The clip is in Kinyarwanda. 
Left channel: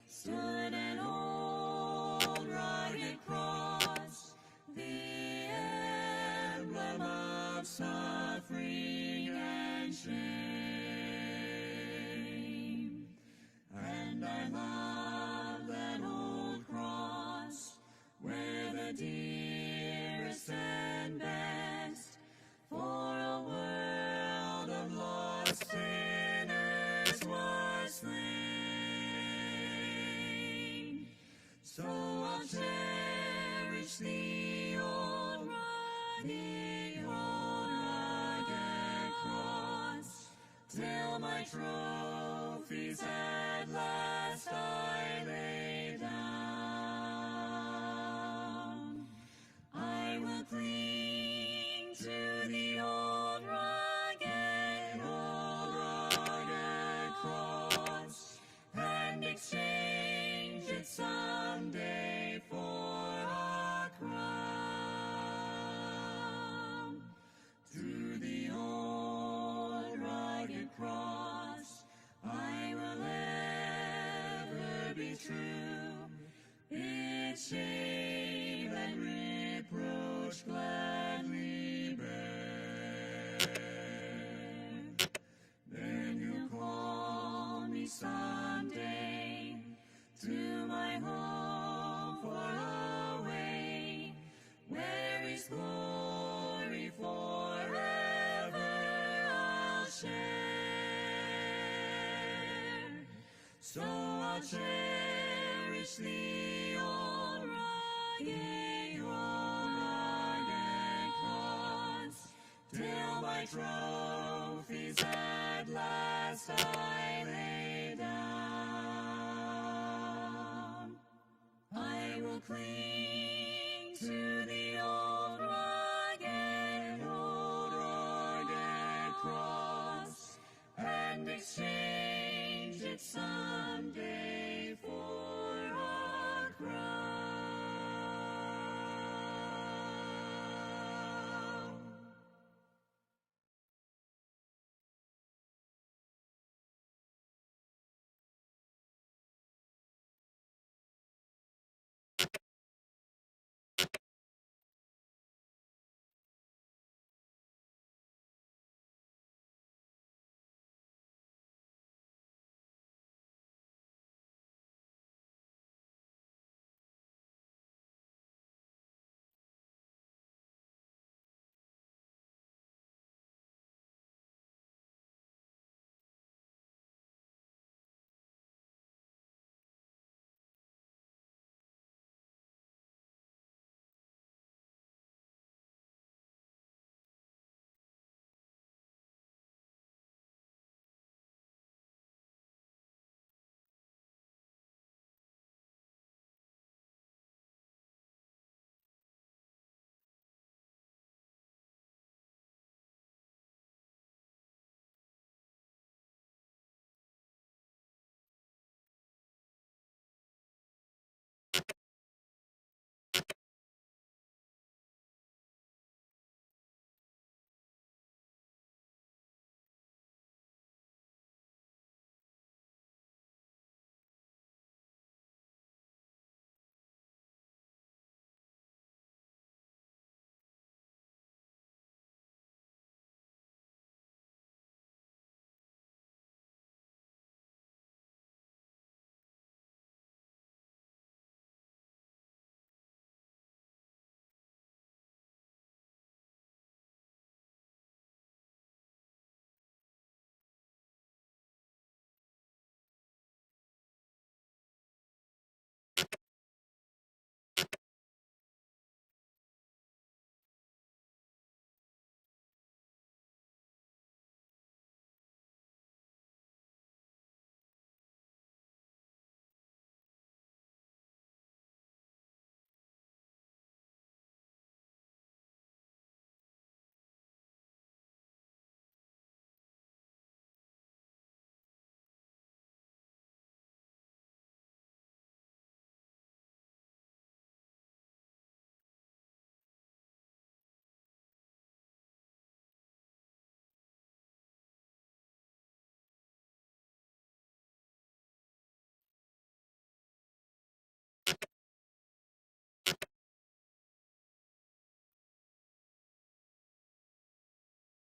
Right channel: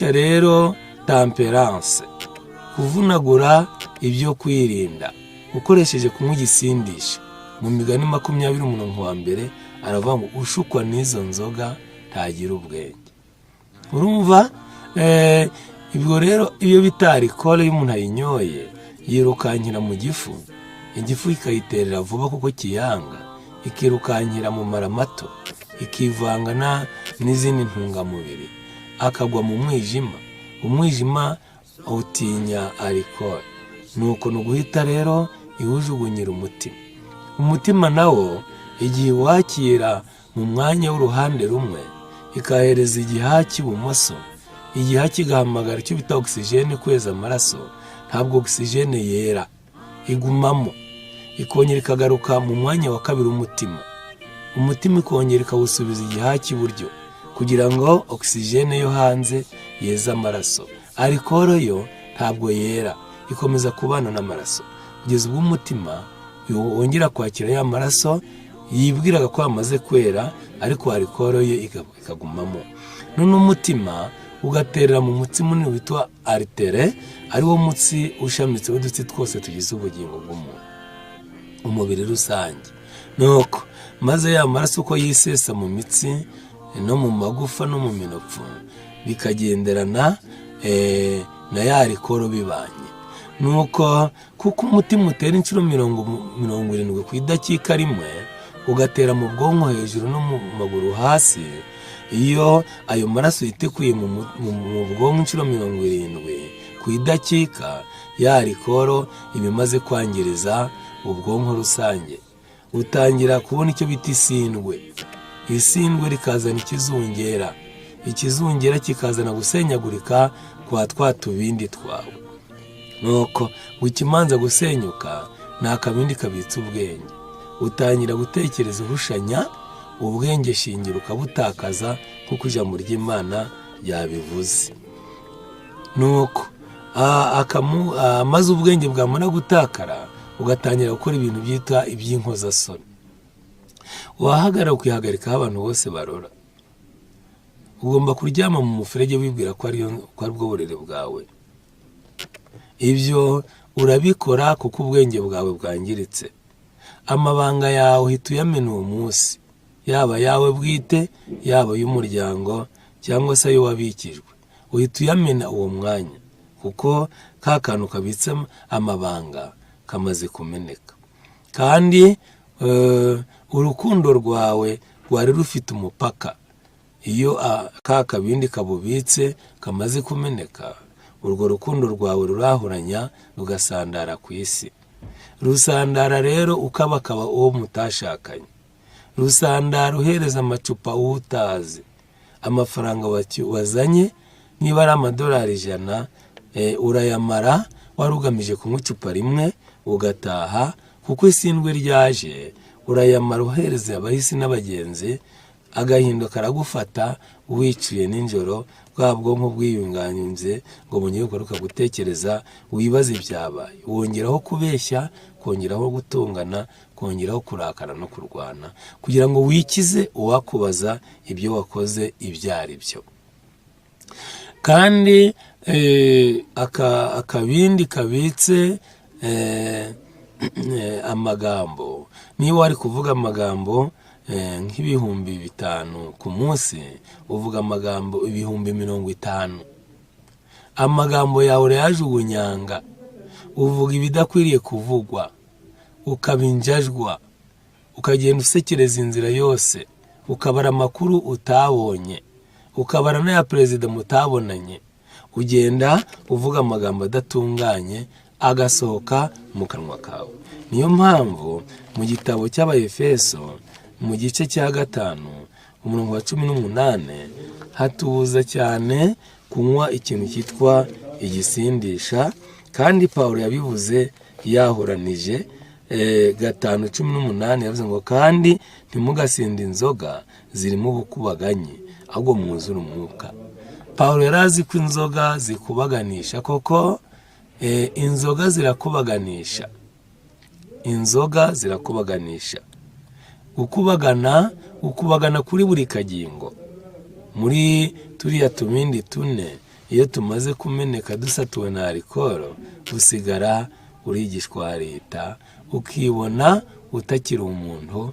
rero temperance, kuvunagura ibyo kwirinda ukoresheje kunywa igisindisha. Mu migani 20 umurongo wa mbere aravuga ngo ushukwa n'izo nzoga ntagira ubwenge. Urumva ibyo rero iyo bita alcool y'umuntu ayinyoye yirukankira mu gifu, igifu ikayiterera vuba kuko kiyanga, ikirukankira mu mara mato, ikivangana n'izindi ntungamubiri, akagwa mu mwijima. Umwijima utinya alcool, nuko nuguhita rero iwujugunyira umutima. Umutima nawo igihe wakira mu mwanya w'uruhande rumwe ikahereza igihaha cy'ibumoso, igihaha kigahamagara icyo bita oxygene kweza amaraso, ntabwo oxygene yera igumamo, ikongera ikagaruka mu mwanya wa kabiri umutima ikongera ikawusubiza igihaha cy'iburyo kugira ngo oxygene yo hanze yeza amaraso. Alcool yo ntabwo yera, ikomeza kubana n'amaraso kugeza ubwo umutima wongera kwakira ya maraso yibwiraga ko amaze kwera, ariko alcool ye ikagumamo. None umutima ugaterera mu mutsi munini witwa artere, ari wo mutsi ushamitse w'udutsi twose tugize ubugingo bw'umuntu, umubiri rusange. Nuko maze ya maraso uko yisesa mu mitsi no mu magufa no mu minopfu bikagenderana na ya alcool bibanye. Nuko kuko umutima utera inshuro 70 ku idakika rimwe, ugatera mu bwonko hejuru no mu maguru hasi, iyo ayo maraso yitekuye mu bwonko inshuro 70 ku idakika, ya alcool ibimaze kwangiriza ubwonko rusange. Utangira kubona icyo bita isindwe. Isindwe rikazana ikizungera, ikizungera kikazana gusenyagurika kwa twa tubindi twawe. Nuko ukimanza gusenyuka nta kabindi kabitse ubwenge, utangira gutekereza uhushanya, ubwenge shingiro ukabutakaza kuko ijambo ry'Imana yabivuze. Nuko maze ubwenge bwamara gutakara ugatangira gukora ibintu byitwa iby'inkozasoni. Wahagarara ukihagarikaho abantu bose barora. Ugomba kuryama mu muferege wibwira ko ari bwo burere bwawe. Ibyo urabikora kuko ubwenge bwawe bwangiritse. Amabanga yawe uhita uyamena uwo munsi, yaba yawe bwite, yaba y'umuryango cyangwa se ayo wabikijwe, uhita uyamena uwo mwanya kuko ka kantu kabitse amabanga kamaze kumeneka. Kandi urukundo rwawe rwari rufite umupaka. Iyo ka kabindi kabubitse kamaze kumeneka, urwo rukundo rwawe rurahuranya rugasandara ku isi. Rusandara rero ukabakaba uwo mutashakanye. Rusandara uhereza amacupa uwo utazi. Amafaranga wazanye niba ari amadolari 100, urayamara warugamije kunywa icupa rimwe ugataha, kuko isindwe ryaje. Urayamara uhereza abahisi n'abagenzi, agahindo karagufata wiciye ninjoro, bwa bwonko bwiyunganyinze ngo bunyeye ugaruka gutekereza, wibaza ibyabaye, wongeraho kubeshya, kongeraho gutungana, kongeraho kurakara no kurwana, kugira ngo wikize uwakubaza ibyo wakoze ibyo ari byo. Kandi akabindi kabitse amagambo, niba wari kuvuga amagambo nk'ibihumbi 5 ku munsi, uvuga amagambo 50,000. Amagambo yawe urayajugunyanga, uvuga ibidakwiriye kuvugwa, ukabinjajwa, ukagenda usekereza inzira yose, ukabara amakuru utabonye, ukabara n'aya perezida mutabonanye, ugenda uvuga amagambo adatunganye agasohoka mu kanwa kawe. Niyo mpamvu mu gitabo cy'Abaefeso mu gice cya 5 umurongo wa 18 hatubuza cyane kunywa ikintu cyitwa igisindisha, kandi Pawulo yabivuze yahoranije 5:18 yavuze ngo kandi ntimugasinde inzoga zirimo ubukubaganyi, ahubwo mwuzure umwuka. Pawulo yarazi ko inzoga zikubaganisha, koko inzoga zirakubaganisha. Inzoga zirakubaganisha. Ukubagana kuri buri kagingo. Muri turiya tumindi 4 iyo tumaze kumeneka dusatuwe na alikoro usigara uri igishwarita ukibona utakiri umuntu.